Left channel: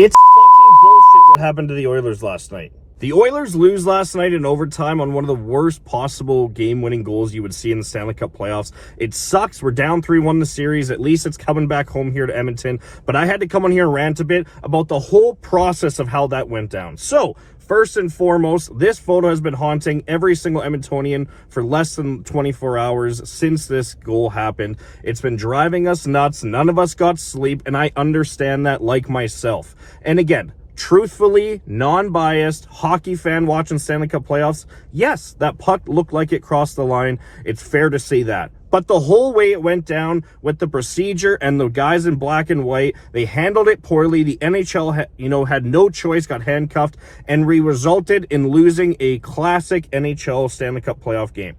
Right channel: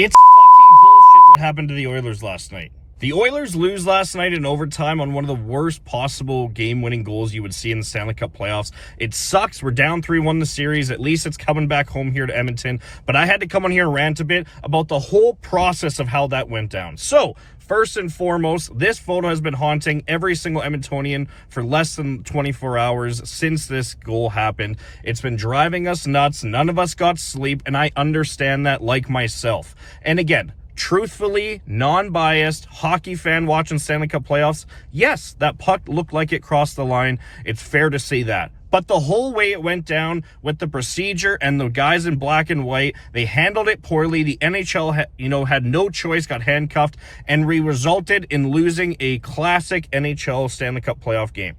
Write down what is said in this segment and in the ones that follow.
It's fucking bullshit what happened to the Oilers last night. The Oilers lose last night in overtime on one of the worst possible game-winning goals you would see in the Stanley Cup playoffs. It sucks. We're down 3-1 the series. At least it's coming back home here to Edmonton. But I had to come on here and rant a bit about the whole process of how that went down. So, first and foremost, this photo has been haunting every single Edmontonian for less than 24 hours since this goal happened. It's been driving us nuts. None of us got sleep, and I understand that like myself. And again, truthfully, non-biased, hockey fan watching Stanley Cup playoffs, yes, that puck looked like it crossed the line. It's fair to say that. But the whole way it went down with the procedure and the guys in black and white, they handled it poorly. The NHL, had no choice, got handcuffed, and resulted in losing a classic NHL Stanley Cup playoff game.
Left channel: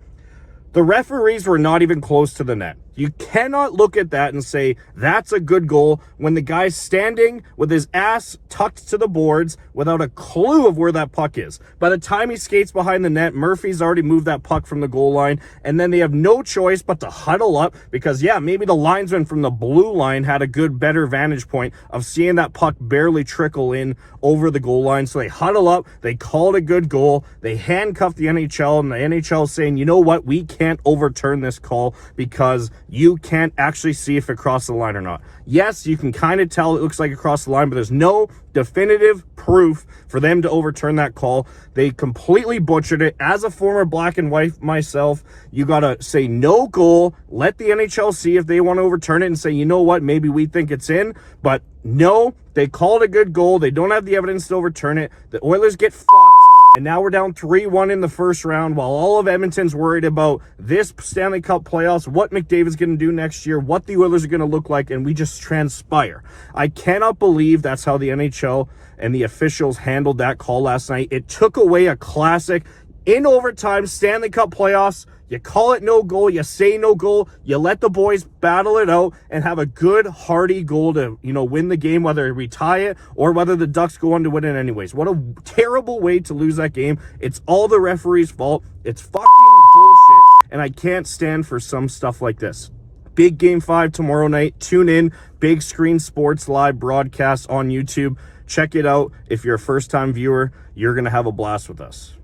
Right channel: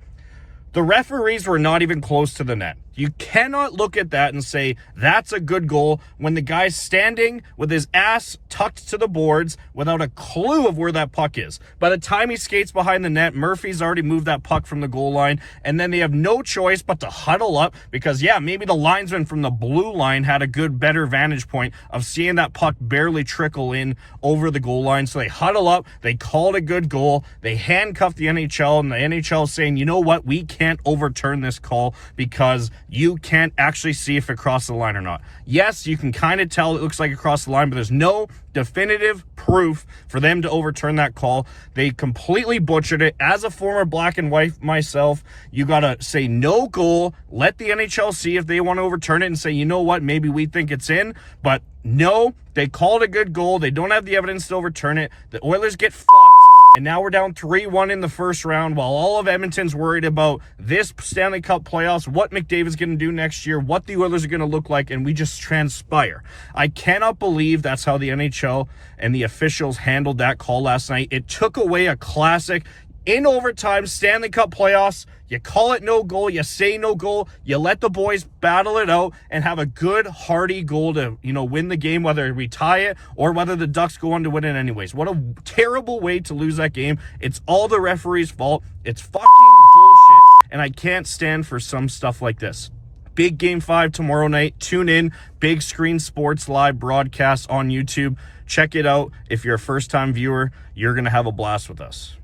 The referees were not even close to the net. You cannot look at that and say, that's a good goal, when the guy's standing with his ass tucked to the boards without a clue of where that puck is. By the time he skates behind the net, Murphy's already moved that puck from the goal line, and then they have no choice but to huddle up because, yeah, maybe the linesman from the blue line had a better vantage point of seeing that puck barely trickle in over the goal line. So they huddle up, they call it a good goal, they handcuff the NHL, and the NHL is saying, you know what, we can't overturn this call because you can't actually see if it crossed the line or not. Yes, you can kind of tell it looks like it crossed the line, but there's no definitive proof for them to overturn that call. They completely butchered it. As a former black and white myself, you got to say no goal, let the NHL see if they want to overturn it and say, you know what, maybe we think it's in, but no, they called a good goal. They don't have the evidence to overturn it. The Oilers get fucked. And now we're down 3-1 in the first round while all of Edmonton's worried about this Stanley Cup playoffs, what McDavid's going to do next year, what the Oilers are going to look like, and we just transpire. I cannot believe that's how the NHL and the officials handled that call last night. It took away a classic in overtime Stanley Cup playoffs. You call it no goal, you say no goal, you let the boys battle it out and have a good, hearty goal to, win the game, whether we tie it or whether the Ducks go on to win it anyways. What a terrible way to lose that game. It's all the referee's fault. It's fucking bullshit, and I can't stand for some stuff like this. Big Game 5 tomorrow night. Tune in. Big Screen Sports live broadcast on YouTube. Check it out. If you're a first-time viewer, you're going to have a blast with us.